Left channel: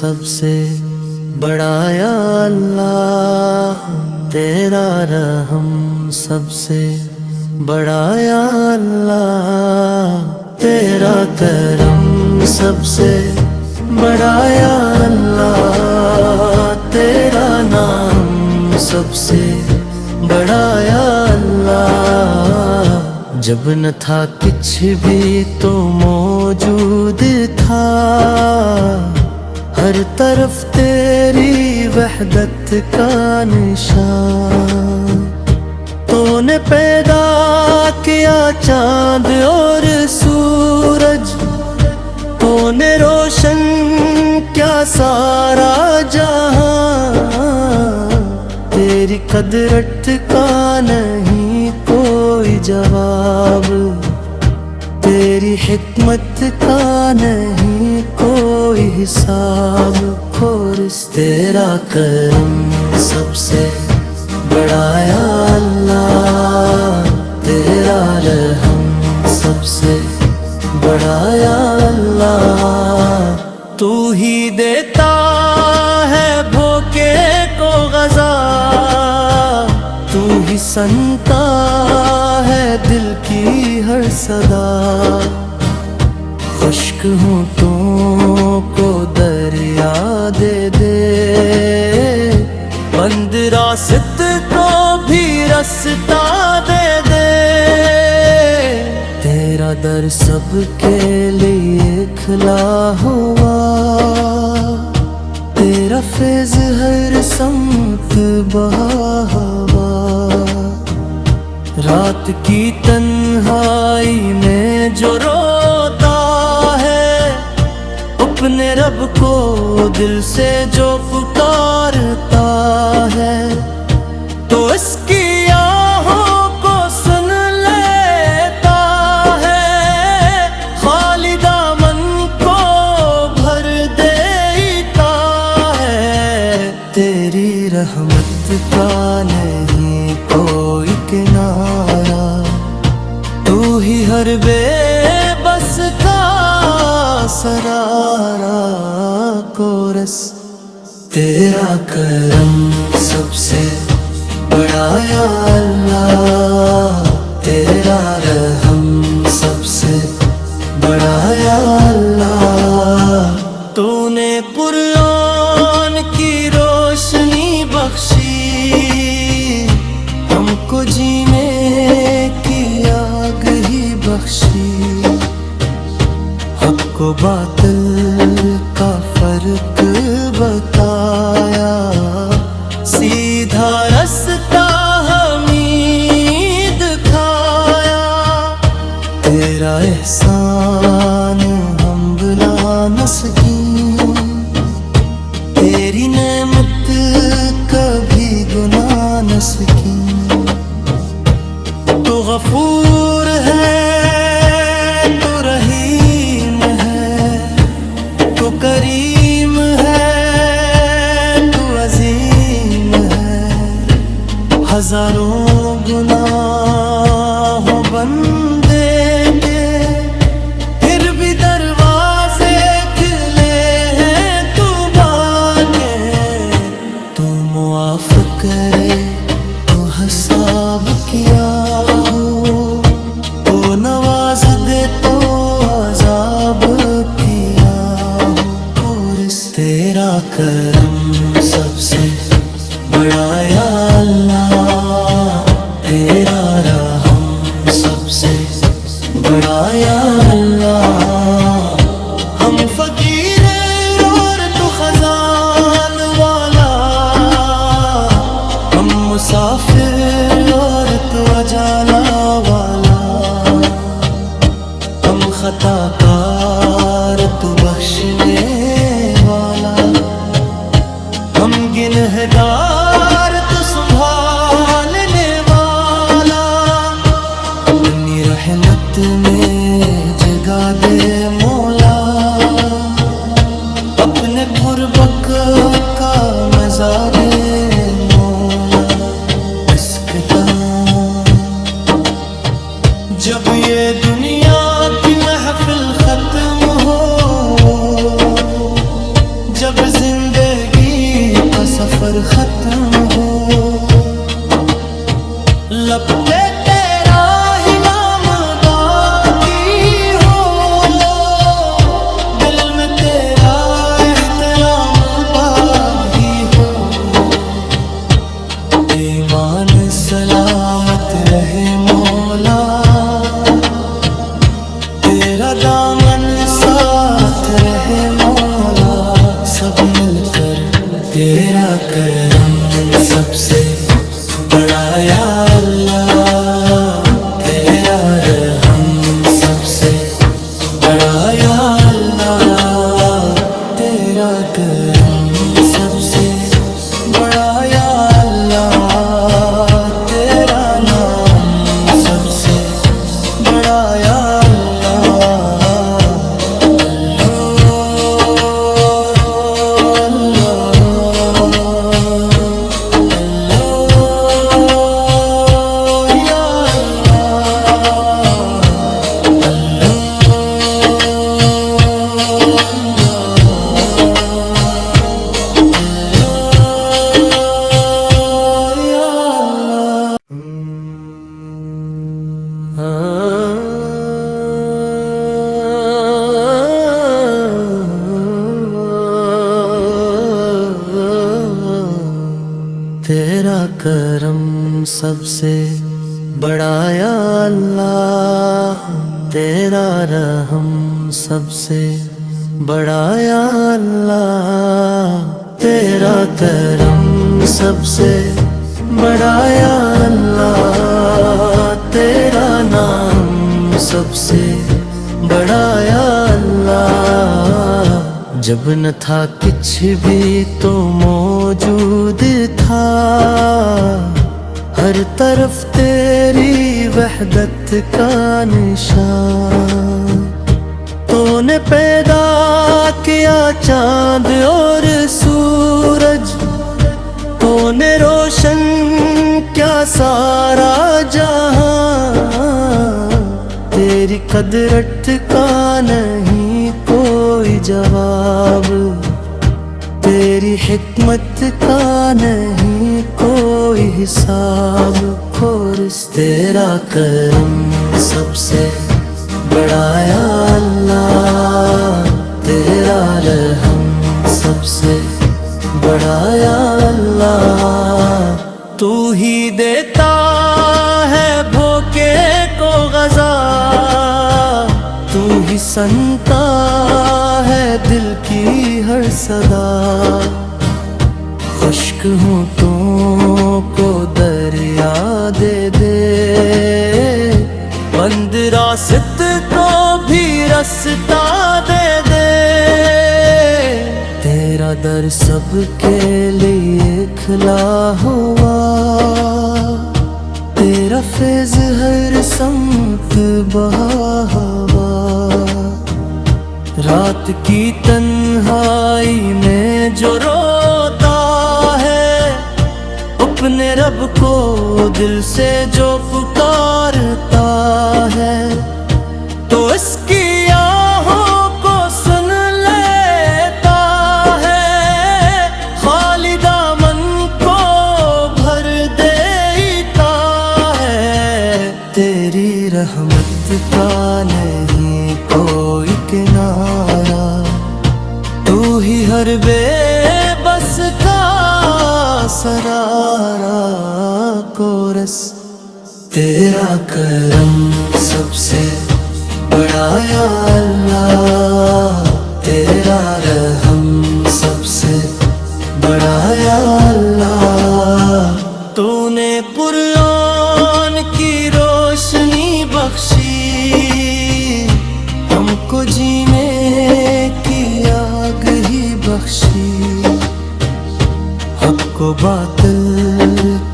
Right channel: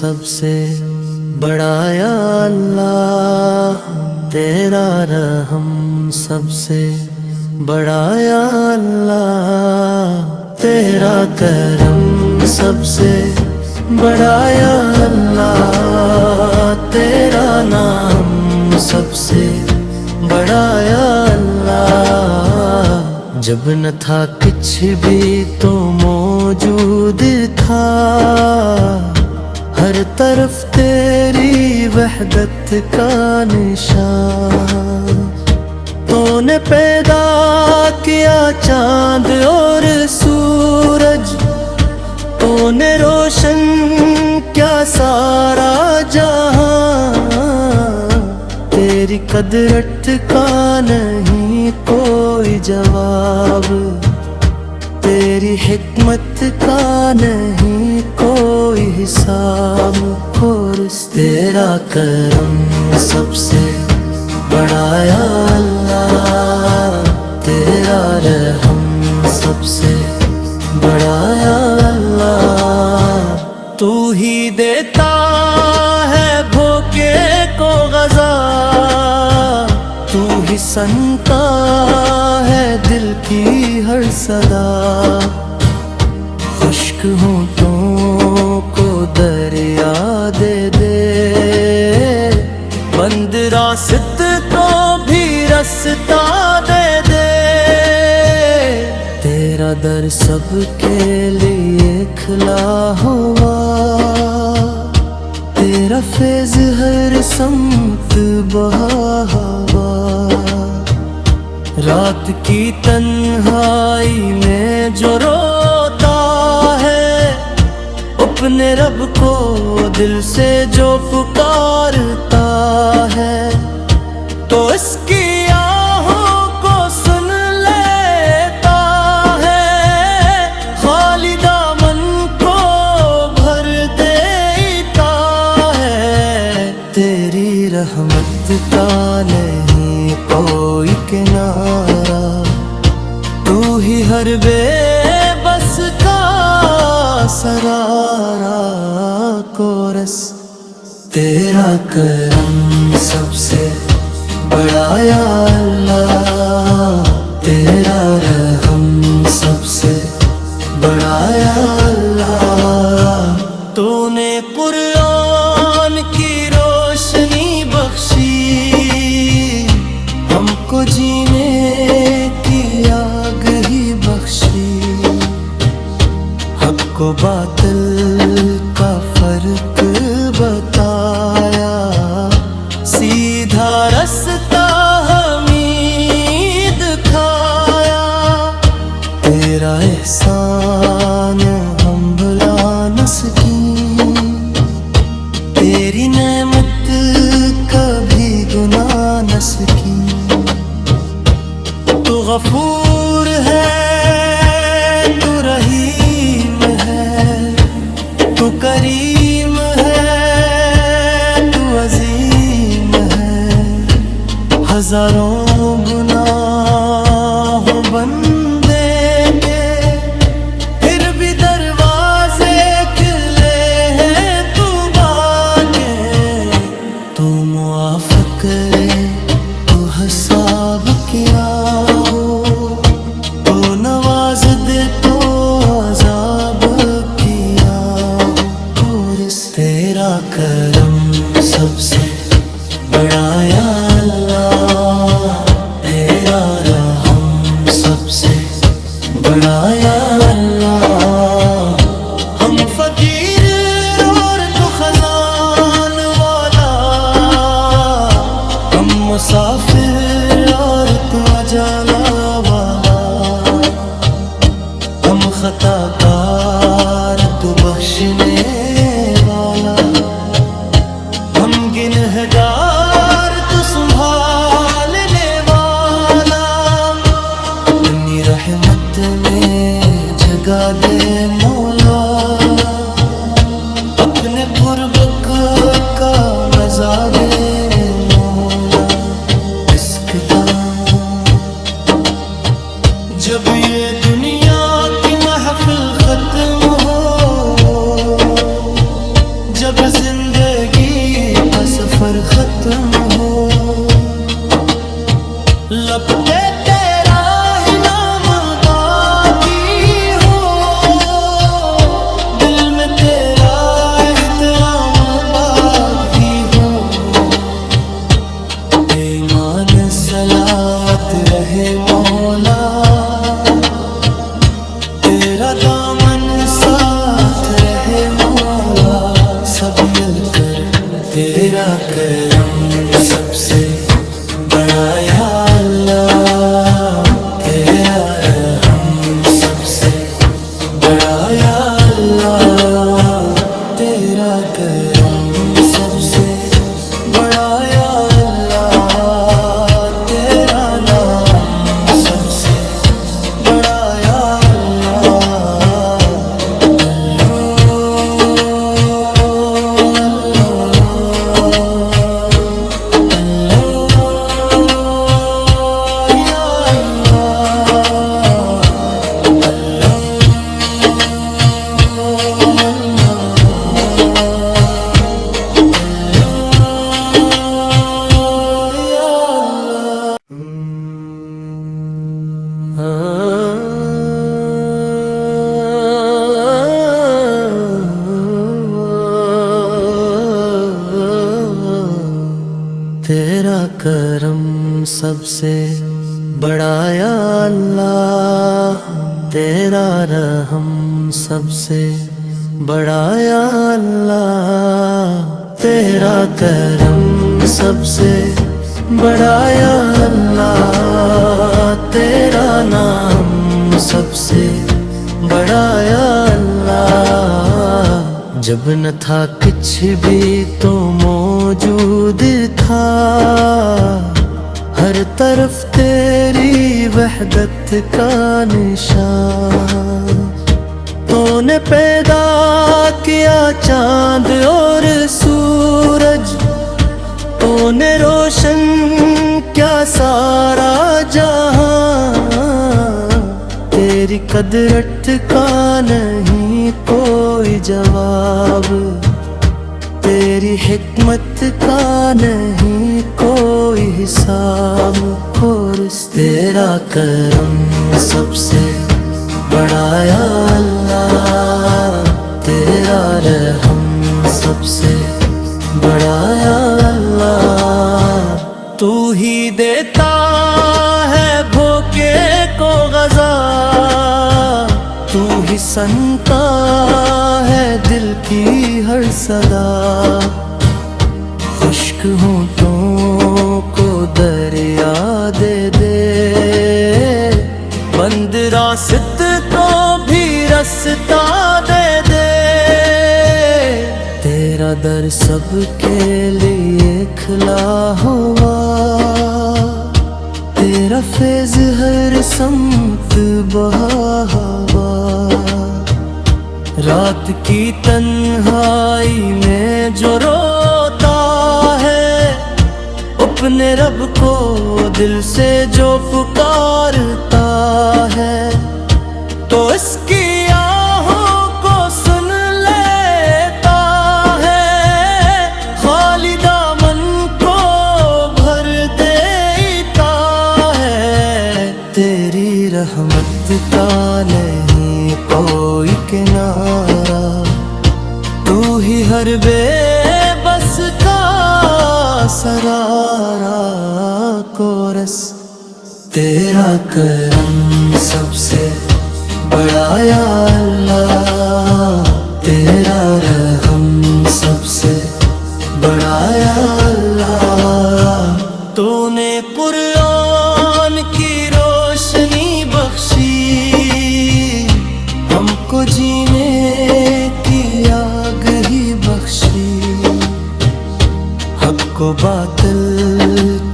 سب سے بڑا یا اللہ، تیرا رحم سب سے بڑا یا اللہ، تیرا کرم سب سے بڑا یا اللہ، تیرا نام سب سے بڑا یا اللہ۔ جب نہ تھا کچھ بھی تو موجود تھا، ہر طرف تیری وحدت کا نشان۔ تو نے پیدا کیا چاند اور سورج، تو نے روشن کیا سارا جہاں، تیری قدرت کا نہیں کوئی جواب، تیری حکمت کا نہیں کوئی حساب۔ اور تیرا کرم سب سے بڑا یا اللہ، تیرا رحم سب سے بڑا یا اللہ۔ تو ہی دیتا ہے بھوکے کو غذا، تو ہی سنتا ہے دل کی ہر صدا۔ خشک ہونٹوں کو دریا دے دے، بند راست کو بھی رستہ دے دے۔ تیرا در سب کے لیے کھلا ہوا، تیرا فیض ہر سمت بہا ہوا۔ رات کی تنہائی میں جو روتا ہے، اپنے رب کو دل سے جو پکارتا ہے، تو اس کی آہوں کو سن لیتا ہے، خالی دامن کو بھر دیتا ہے۔ تیری رحمت کا نہیں کوئی کنارہ، تو ہی ہر بے بس کا سرارا۔ کورس تیرا کرم سب سے بڑا یا اللہ، تیرا رحم سب سے بڑا یا اللہ۔ تو نے قرآن کی روشنی بخشی، ہم کو جینے کی آگ ہی بخشی۔ حق و باطل کا فرق بتایا، سیدھا رستہ ہمیں دکھایا۔ تیرا احسان ہم بھلا نہ سکیں، تیری نعمت کبھی گناہ نہ سکیں۔ تو غفور ہے، تو رحیم ہے، تو کریم ہے، تو عظیم ہے۔ ہزاروں گناہوں بندے کے، پھر بھی دروازے کھلے ہیں توبہ کے۔ تو معاف کرے تو حساب کیا ہو، تو نواز دے تو عذاب کیا ہو۔ اور تیرا کرم سب سے بڑا یا اللہ، تیرا رحم سب سے بڑا یا اللہ۔ ہم فقیر اور تو خزان والا، ہم مسافر اور تو اجالا والا۔ ہم خطا کار تو بخشنے والا، ہم گنہگار تو سنبھالنے والا۔ اپنی رحمت میں جگہ دے مولا، اپنے قربک کا مزہ دے مولا۔ عشق کا جب یہ دنیا کی محفل ختم ہو، جب زندگی کا سفر ختم ہو، لب پہ تیرا ہی نام باقی ہو، دل میں تیرا احترام باقی ہو، ایمان سلامت رہے مولا، تیرا دامن ساتھ رہے مولا، سب مل کر تیرا کرم سب سے بڑا یا اللہ، تیرا رحم سب سے بڑا یا اللہ، تیرا کرم سب سے بڑا یا اللہ، تیرا نام سب سے بڑا یا اللہ، اللہ اللہ اللہ یا اللہ، اللہ اللہ اللہ یا اللہ۔ تیرا کرم سب سے بڑا یا اللہ، تیرا رحم سب سے بڑا یا اللہ، تیرا کرم سب سے بڑا یا اللہ، تیرا نام سب سے بڑا یا اللہ، جب نہ تھا کچھ بھی تو موجود تھا، ہر طرف تیری وحدت کا نشان، تو نے پیدا کیا چاند اور سورج، تو نے روشن کیا سارا جہاں، تیری قدرت کا نہیں کوئی جواب، تیری حکمت کا نہیں کوئی حساب، تیرا کرم سب سے بڑا یا اللہ، تیرا رحم سب سے بڑا یا اللہ، تو ہی دیتا ہے بھوکے کو غذا، تو ہی سنتا ہے دل کی ہر صدا، خشک ہونٹوں کو دریا دے دے، بند راست کو بھی رستہ دے دے، تیرا در سب کے لیے کھلا ہوا، تیرا فیض ہر سمت بہا ہوا، رات کی تنہائی میں جو روتا ہے، اپنے رب کو دل سے جو پکارتا ہے، تو اس کی آہوں کو سن لیتا ہے، خالی دامن کو بھر دیتا ہے، تیری رحمت کا نہیں کوئی کنارہ، تو ہی ہر بے بس کا سرارا کورس، تیرا کرم سب سے بڑا یا اللہ، تیرا رحم سب سے بڑا یا اللہ، تو نے قرآن کی روشنی بخشی، ہم کو جینے کی آگ ہی بخشی، حق و باطل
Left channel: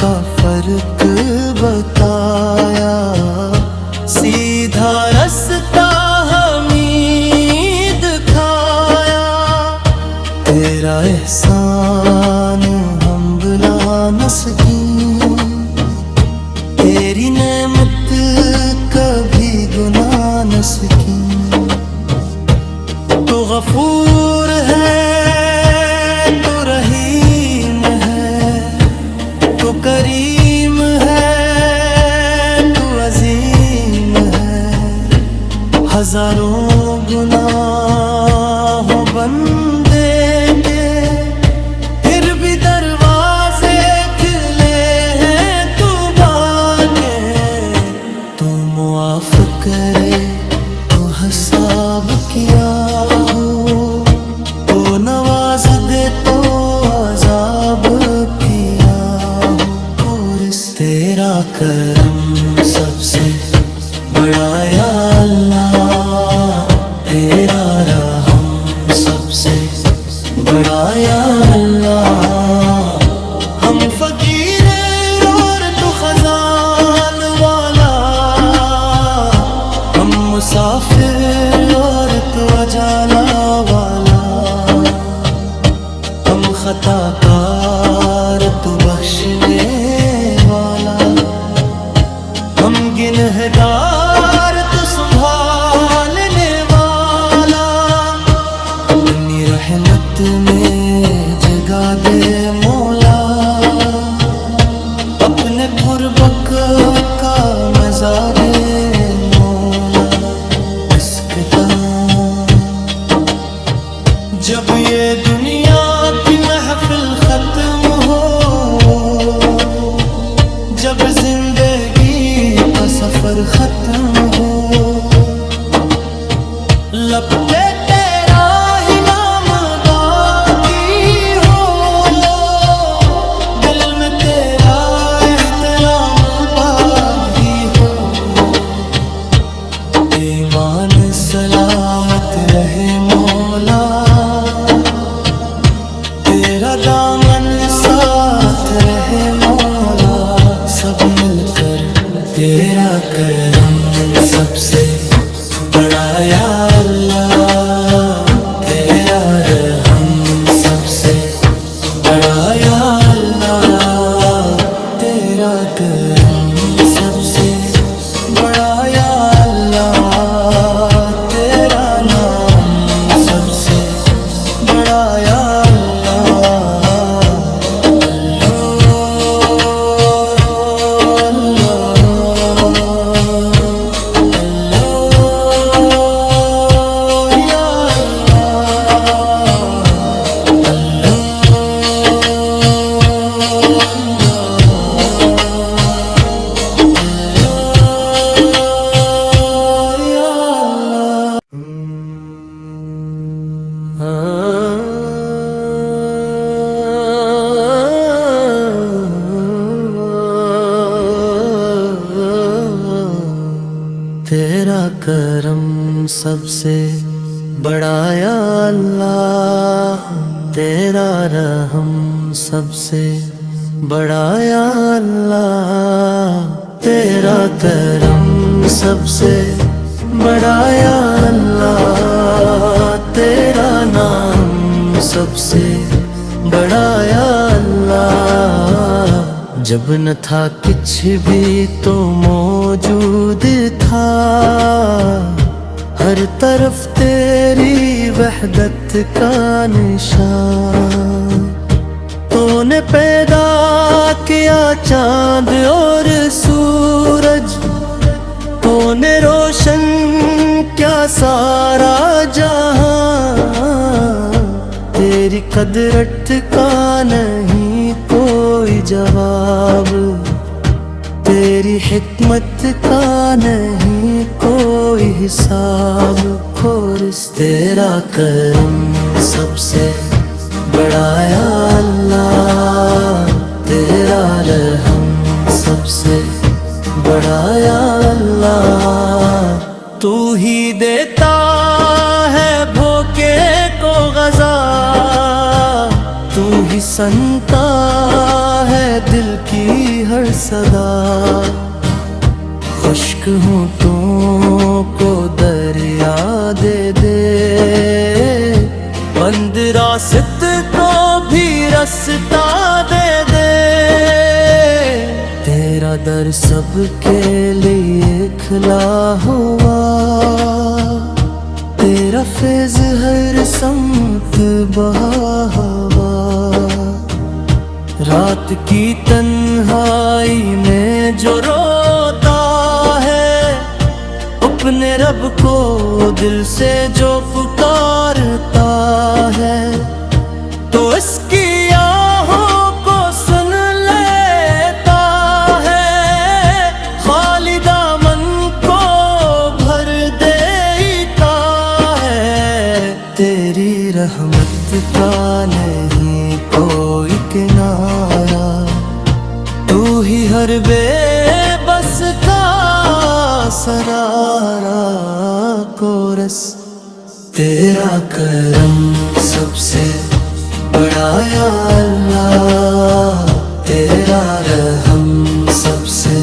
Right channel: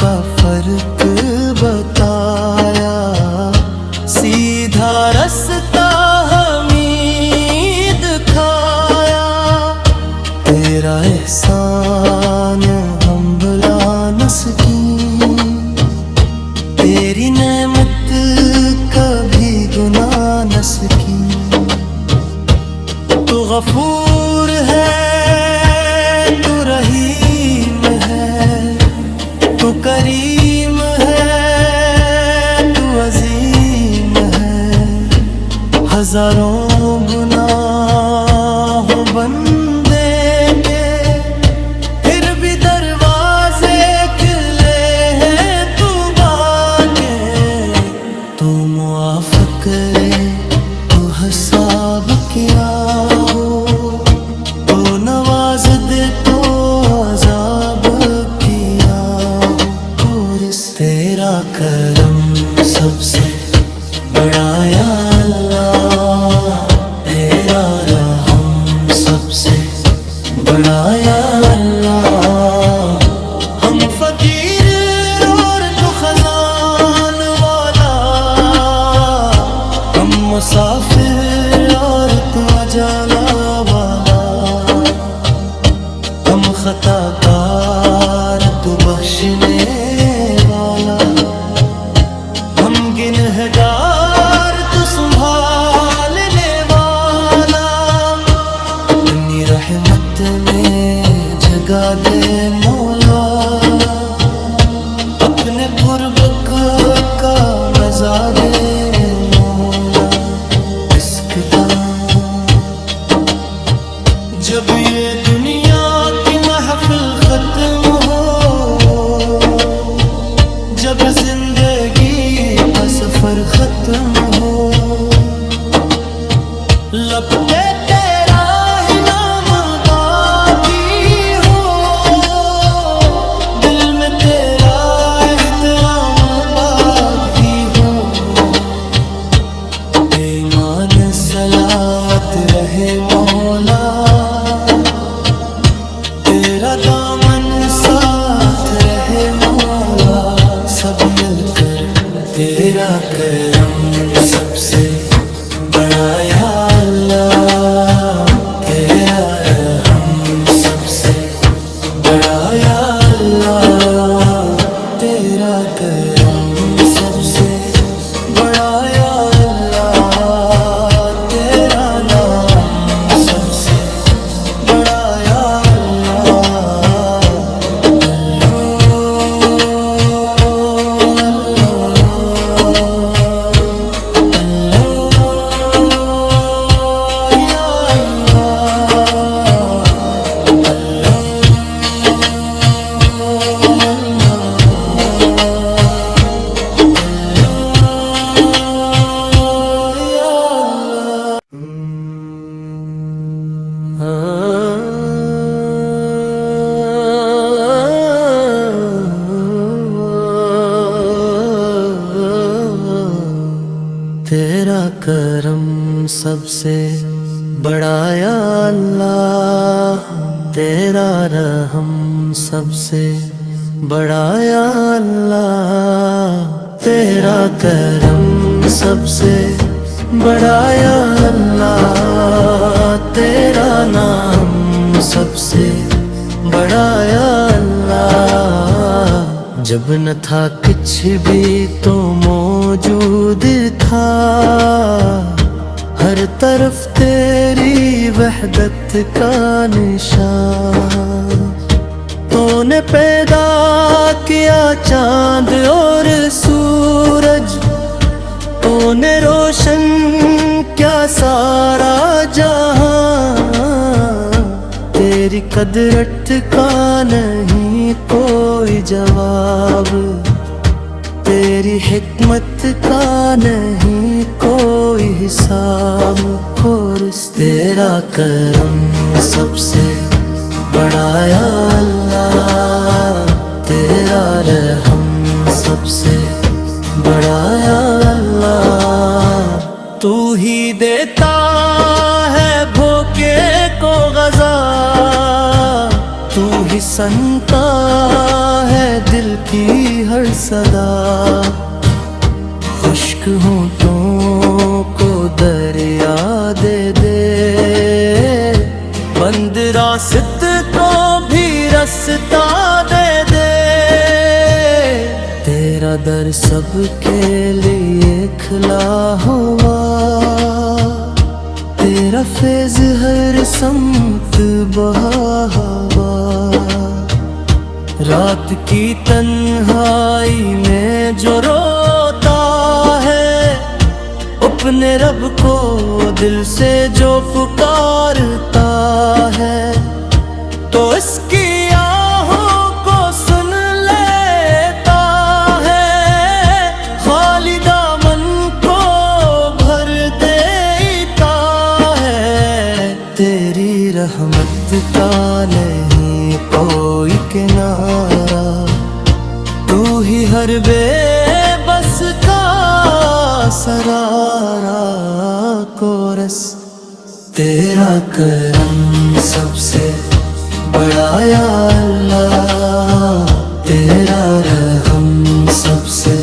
کا فرق بتایا، سیدھا رستہ ہمیں دکھایا، تیرا احسان ہم بھلا نہ سکیں، تیری نعمت کبھی گناہ نہ سکیں، تو غفور ہے تو کریم ہے تو عظیم ہے، ہزاروں گناہ ہو بندے کے پھر بھی دروازے کھلے ہیں توبہ کے۔ تو معاف کرے تو حساب کیا ہو، تو نواز دے تو عذاب کیا ہو۔ اور اس تیرا کرم سب سے بڑا یا اللہ، تیرا رحم سب سے بڑا یا اللہ۔ ہم فقیر اور تو خزان والا، ہم مسافر اور تو اجالا والا، ہم خطا کار تو بخشنے والا، ہم گنہگار تو سنبھالنے والا۔ اپنی رحمت میں جگا دے مولا، اپنے قربک کا مزہ دے مولا۔ اسکتا جب یہ دنیا کی محفل ختم ہو، جب زندگی کا سفر ختم ہو، لب پہ تیرا ہی نام باقی ہو، دل میں تیرا احترام باقی ہو، ایمان سلامت رہے مولا، تیرا دامن ساتھ رہے مولا۔ سب مل کر تیرا کرم سب سے بڑا یا اللہ، تیرا رحم سب سے بڑا یا اللہ، تیرا کرم سب سے بڑا یا اللہ، تیرا نام سب سے بڑا یا اللہ۔ اللہ اللہ اللہ یا اللہ، اللہ اللہ اللہ یا اللہ۔ تیرا کرم سب سے بڑا یا اللہ، تیرا رحم سب سے بڑا یا اللہ، تیرا کرم سب سے بڑا یا اللہ، تیرا نام سب سے بڑا یا اللہ۔ جب نہ تھا کچھ بھی تو موجود تھا، ہر طرف تیری وحدت کا نشان۔ تو نے پیدا کیا چاند اور سورج، تو نے روشن کیا سارا جہاں، تیری قدرت کا نہیں کوئی جواب، تیری حکمت کا نہیں کوئی حساب۔ اور اس تیرا کرم سب سے بڑا یا اللہ، تیرا رحم سب سے بڑا یا اللہ۔ تو ہی دیتا ہے بھوکے کو غذا، تو ہی سنتا ہے دل کی ہر صدا۔ خشک ہونٹوں کو دریا دے دے، بند راست کو بھی رستہ دے دے۔ تیرا در سب کے لیے کھلا ہوا، تیرا فیض ہر سمت بہا ہوا۔ رات کی تنہائی میں جو روتا ہے، اپنے رب کو دل سے جو پکارتا ہے، تو اس کی آہوں کو سن لیتا ہے، خالی دامن کو بھر دیتا ہے۔ تیری رحمت کا نہیں کوئی کنارہ، تو ہی ہر بے بس کا سرارا کورس۔ تیرا کرم سب سے بڑا یا اللہ، تیرا رحم سب سے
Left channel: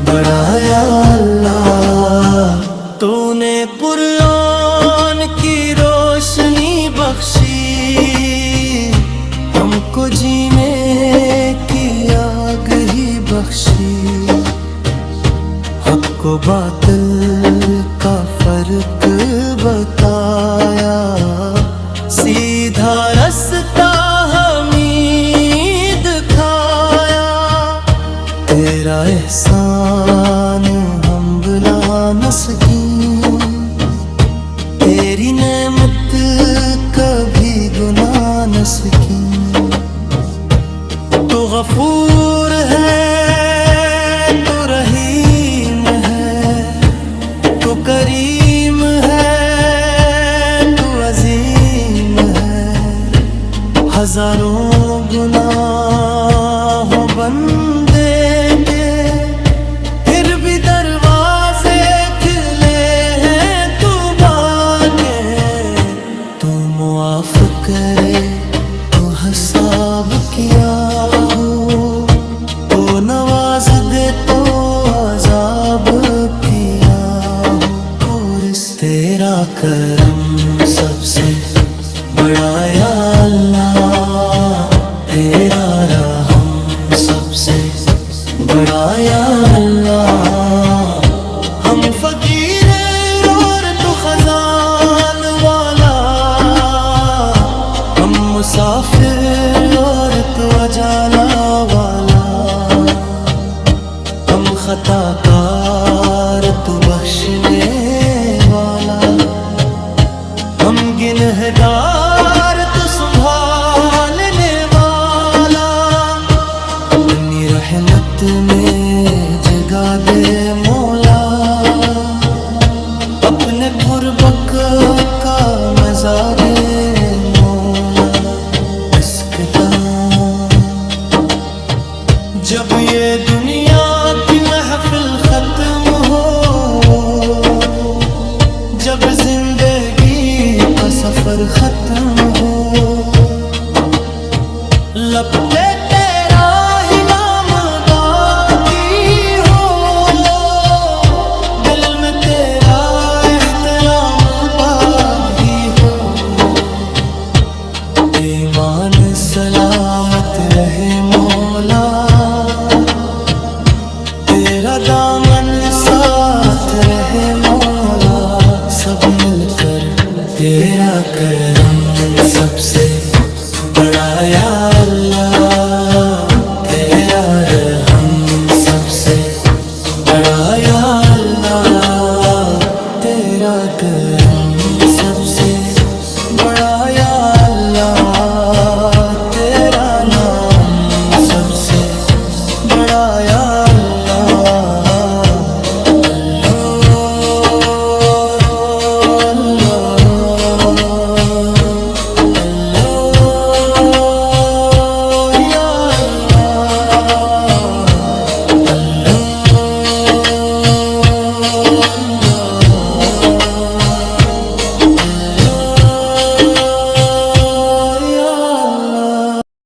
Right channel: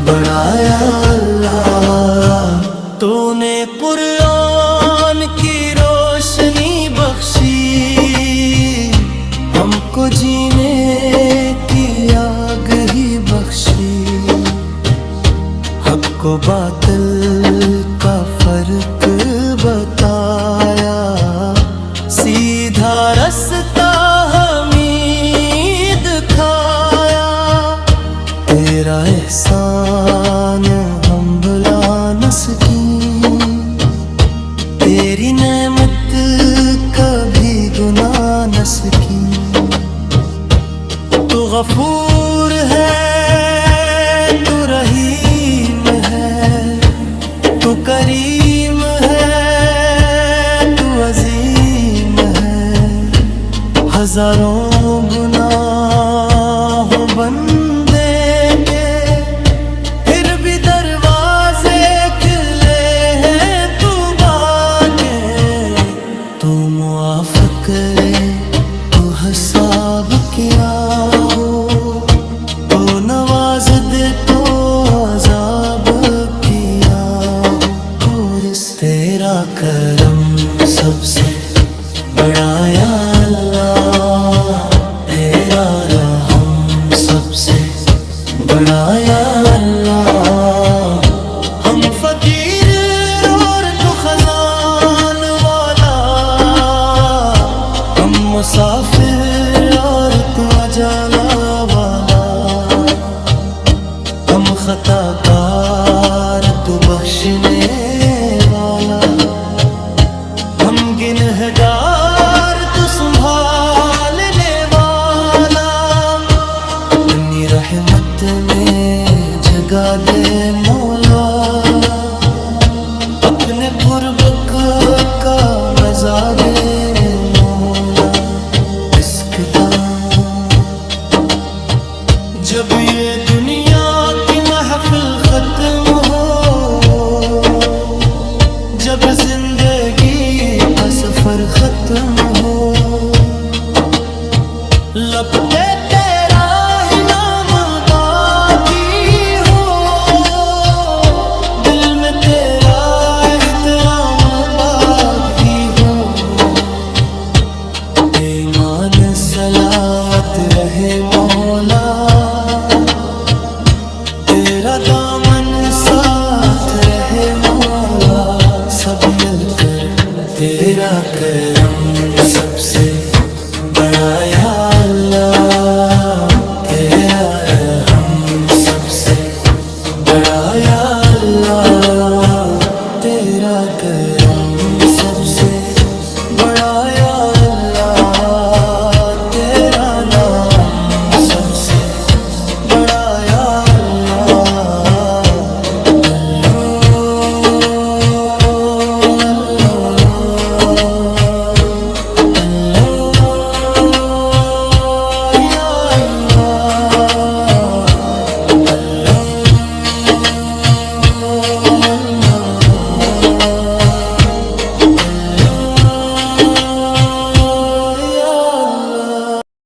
بڑا یا اللہ۔ تو نے قرآن کی روشنی بخشی، ہم کو جینے کی آگ ہی بخشی، حق و باطل کا فرق بتایا، سیدھا رستہ ہمیں دکھایا۔ تیرا احسان ہم بھلا نہ سکیں، تیری نعمت کبھی گناہ نہ سکیں۔ تو غفور ہے، تو رحیم ہے، تو کریم ہے، تو عظیم ہے۔ ہزاروں گناہوں بندے کے، پھر بھی دروازے کھلے ہیں توبہ کے۔ تو معاف کرے تو حساب کیا ہو، تو نواز دے تو عذاب کیا ہو۔ پورس تیرا کرم سب سے بڑا یا اللہ، تیرا رحم سب سے بڑا یا اللہ۔ ہم فقیر اور تو خزان والا، ہم مسافر اور تو اجالا والا، ہم خطا کار تو بخشنے والا، ہم گنہگار تو سنبھالنے والا۔ اپنی رحمت میں جگہ دے مولا، اپنے قربک کا مزہ دے مولا۔ اسکتا جب یہ دنیا کی محفل ختم ہو، جب زندگی کا سفر ختم ہو، لب پہ تیرا ہی نام باقی ہو، دل میں تیرا احترام باقی ہو، ایمان سلامت رہے مولا، تیرا دامن ساتھ رہے مولا۔ سب مل کر تیرا کرم سب سے بڑا یا اللہ، تیرا رحم سب سے بڑا یا اللہ، تیرا کرم سب سے بڑا یا اللہ، تیرا نام سب سے بڑا یا اللہ۔